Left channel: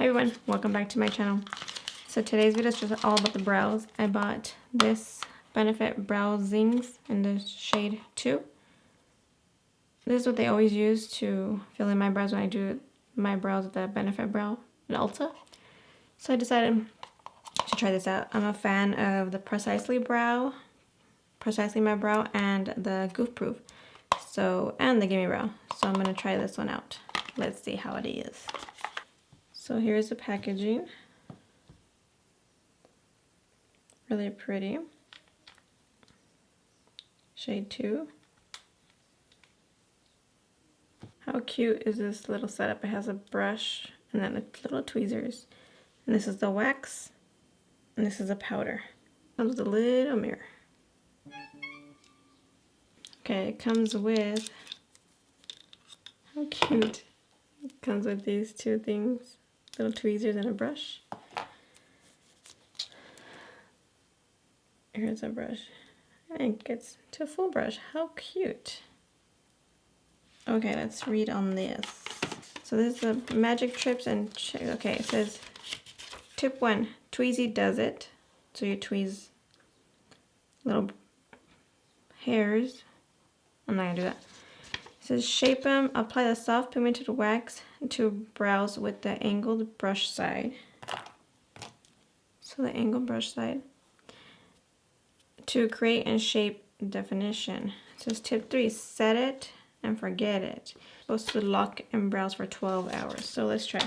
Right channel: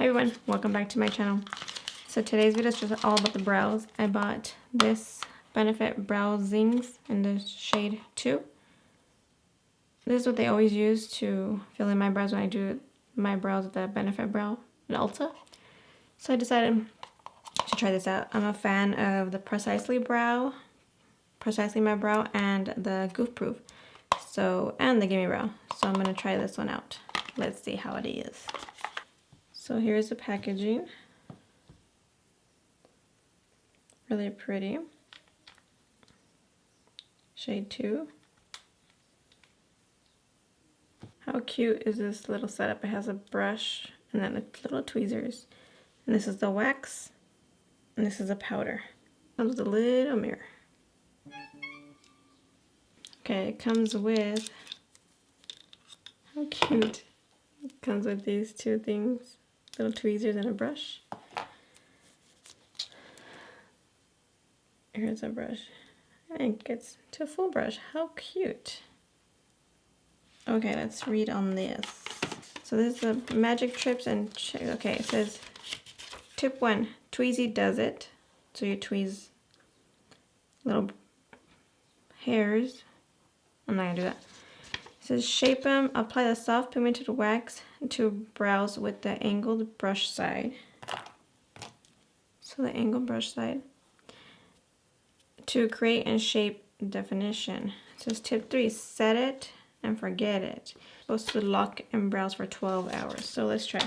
Hi everyone, welcome back to my channel. So today's video is just all about the brows. I bought this Benefit Brow Zings in the shade 2. This is what they always use to fill in my brows when I do my brows with the Benefit Brow in Ulta. So I decided to try this out. I'm a fan of the Precisely My Brow and the Goof Proof. And the Gimme Brow. So I'm gonna try this one out. Let's see how it is. So here's the packaging. Really pretty. Shade 2. How cute is this little setup? It has a brush and then little tweezers. And this is the wax. And this is a powder. Comes with a little mirror. Okay, it comes with, how cute. It comes with these two things. Little tweezers and a brush. Here's a brush. And it gets to a full brush. How cute. Okay, let's read on this. So this is the magic trips and okay, it says tip 1, Tweezy does it. So you tweeze little hairs. I'm not gonna do that. It says shape them, apply the soft pigmented wax to brows with the angled brush side. So the angled brush side. To create and shape definition. It says tip 3, set it and forget it. Supposed to lock in brows for 12 hours. So let's try.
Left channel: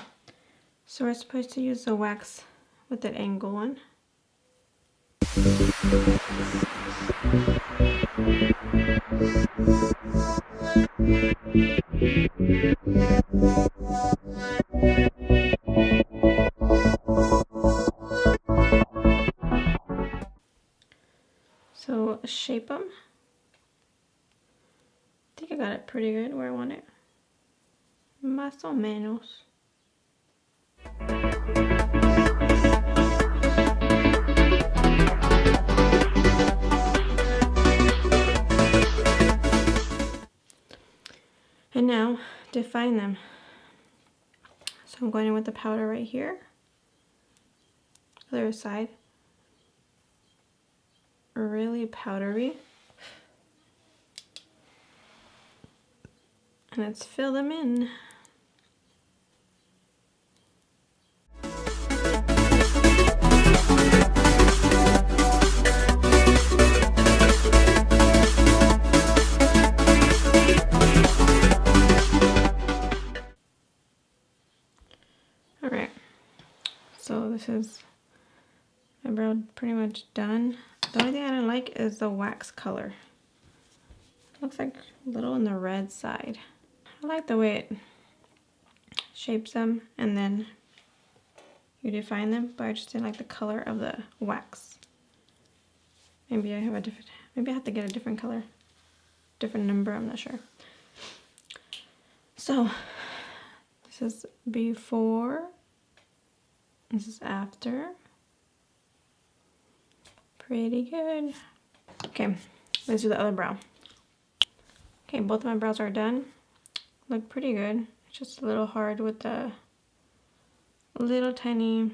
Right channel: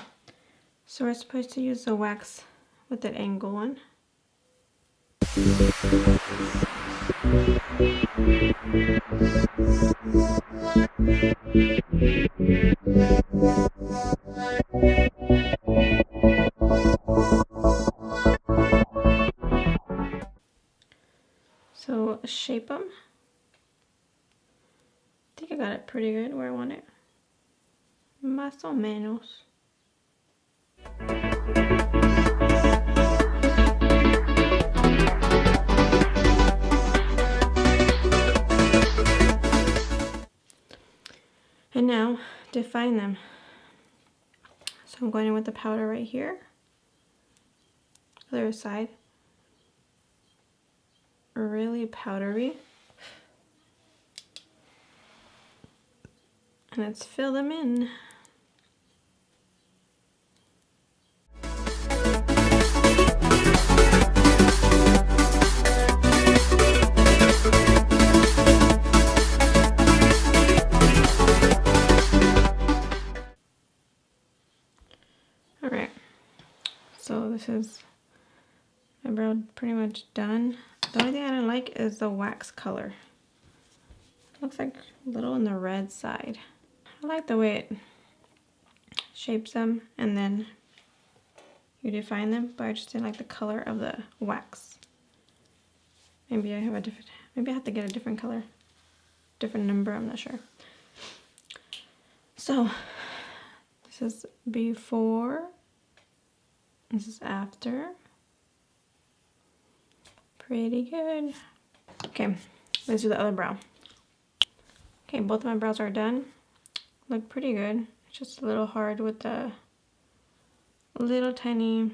So we're supposed to use the wax with that angle one. So shape them. I think I got it pretty good where I want it. Más o menos. And now define them. So I'm going in with the powder right here. Other side. Really powdery. And let's fill them in. Alright, so this is my brow pretty much done. The only thing I don't like is the wax color. It looks like a little on the red side. I like the way it shapes them and then you define them, but I just didn't like the color of the wax. Maybe I have to get a different color, different number, I'm not sure. So this is before, this is after. Pretty good. Okay, let's do the other brow. Okay, both of my brows are done. Look pretty good. It's just a little hard with the little tiny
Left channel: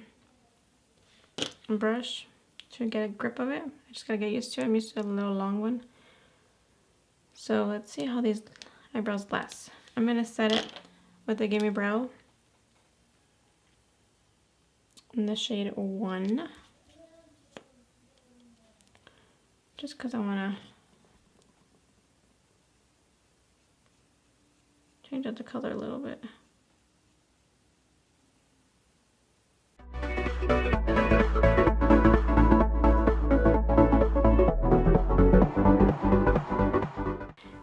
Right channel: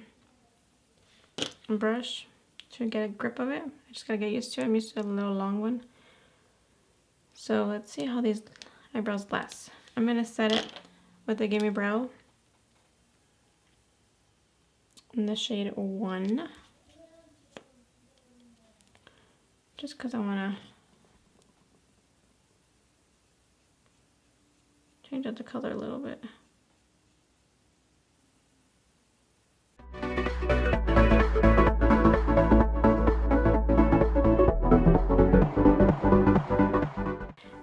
brush to get a grip of it. I just gotta get used to it. I'm used to a little long one. So let's see how these eyebrows last. I'm gonna set it with the Gimme Brow in the shade 1. Just because I want to change up the color a little bit.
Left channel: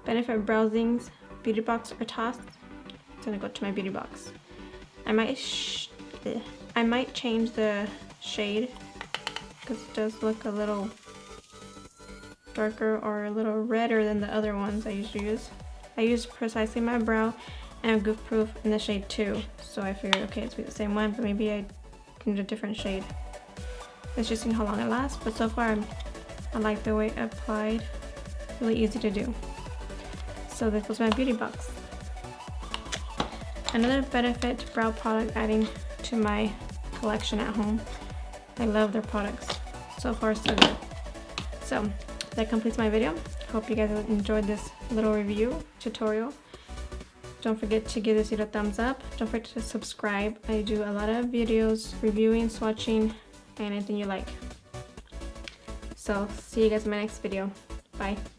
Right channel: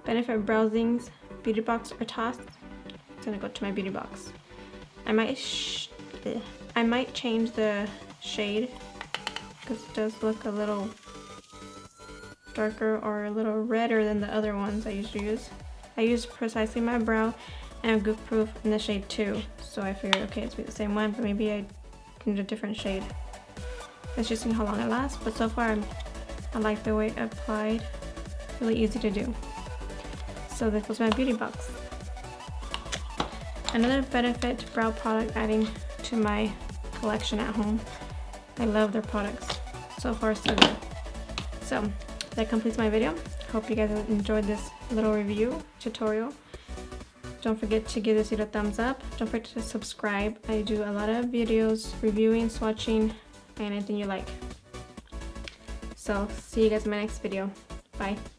Benefit Brow Zings beauty box or toss. It's gonna go to my beauty box. I might change the shade because it does look a little darker or a little redder than the other ones I used to use. I used Precisely My Brow and Goof Proof in the shade 2, so I figured, okay, it's the same one, but maybe I need a different shade. Let's just see how long it lasts, but so far I like the way it applied. Really easy to do. So this was my beauty box. Another Benefit brow product adding to my collection at home. I love their products. So far, so good. So that completes my video. Hope you guys enjoyed this little review tutorial. Don't forget to give this video a thumbs up. Don't forget to subscribe. I do a lot of videos reviewing, swatching, and anything you like. So see you guys in my next video. Bye.